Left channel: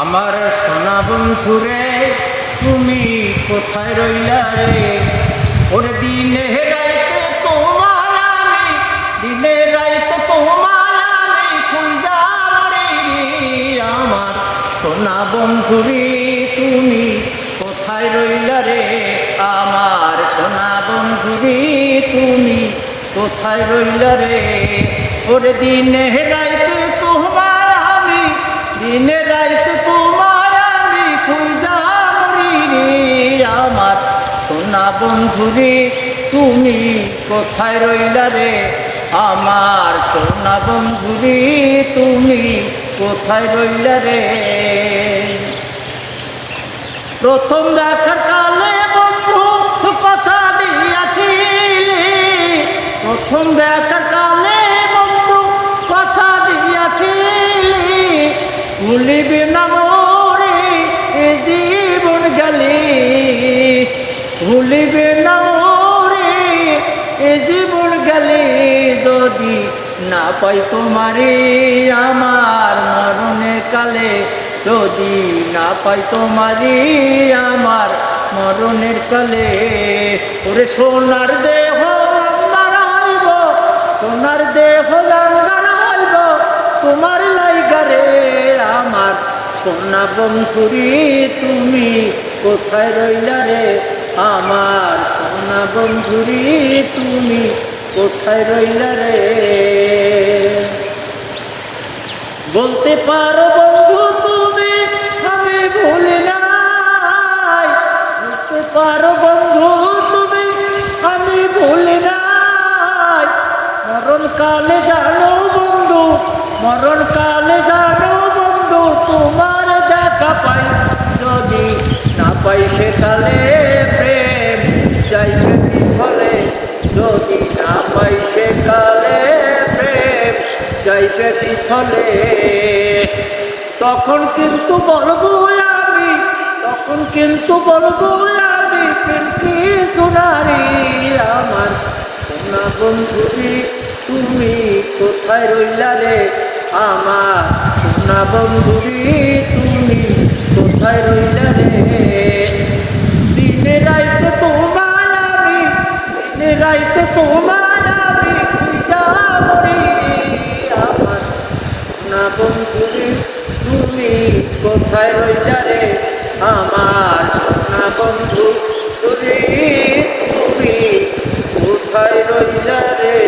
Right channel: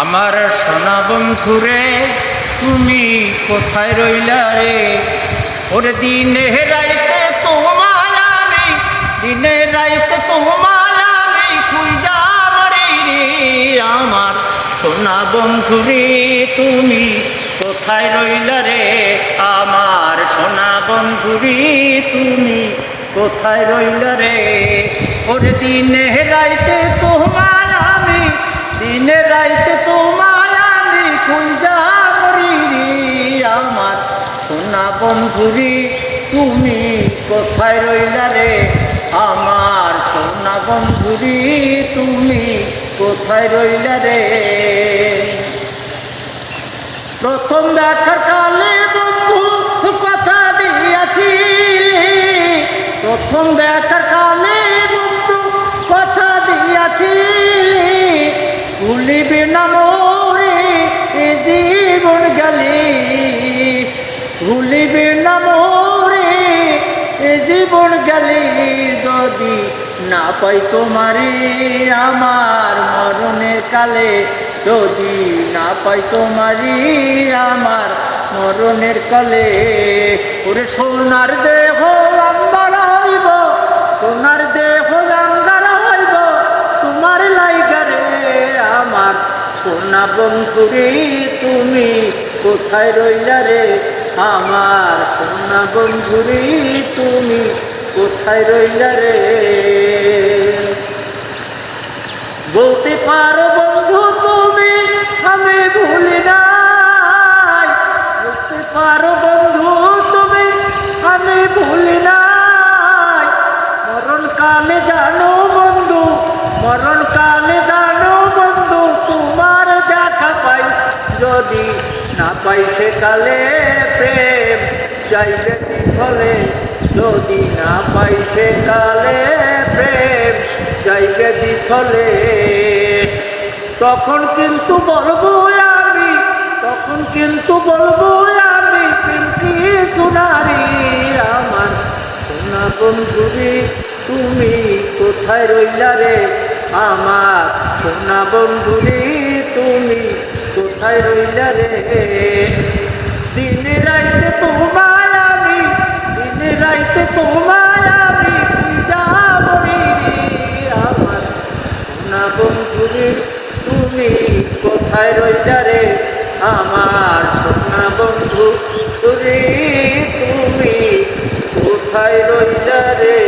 আমার সোনা বন্ধুরে তুমি কোথায় রইলা রে? ওরে দিনে রাইতে তোমায় আমি, দিনে রাইতে তোমায় আমি খুঁজা মরি রে। আমার সোনা বন্ধুরে তুমি কোথায় রইলা রে? আমার সোনা বন্ধুরে তুমি কোথায় রইলা রে? ওরে দিনে রাইতে তোমায় আমি, দিনে রাইতে তোমায় আমি খুঁজা মরি রে। আমার সোনা বন্ধুরে তুমি কোথায় রইলা রে? আমার সোনা বন্ধুরে তুমি কোথায় রইলা রে? প্রথম দেখার কালে বন্ধু কথা দিয়াছিলি, প্রথম দেখার কালে বন্ধু কথা দিয়াছিলি, ভুলিবে না মোরে এ জীবন গেলে, ভুলিবে না মোরে এ জীবন গেলে। যদি না পাই তোমারে আমার মরণের কালে, যদি না পাই তোমারে আমার মরণের কালে। ওরে সোনার দেহ আমার হইব, সোনার দেহ গঙ্গার হইব তোমার লাইগারে। আমার সোনা বন্ধুরে তুমি কোথায় রইলা রে? আমার সোনা বন্ধুরে তুমি কোথায় রইলা রে? বলতে পারো বন্ধু তুমি আমি ভুলি নাই, বলতে পারো বন্ধু তুমি আমি ভুলি নাই। মরণকালে জানো বন্ধু, মরণকালে জানো বন্ধু তোমার দেখা পাই, যদি না পাই সেকালে প্রেম যাইবে বিফলে, যদি না পাই সেকালে প্রেম যাইবে বিফলে। তখন কিন্তু বলবো আমি, তখন কিন্তু বলবো আমি প্রেম কি সোনারি। আমার সোনা বন্ধুরে তুমি কোথায় রইলা রে? আমার সোনা বন্ধুরে তুমি কোথায় রইলা রে? দিনে রাইতে তোমায় আমি, দিনে রাইতে তোমায় আমি খুঁজা মরি রে। আমার সোনা বন্ধুরে তুমি কোথায় রইলা রে? আমার সোনা বন্ধু রে তুমি কোথায় রইলা রে?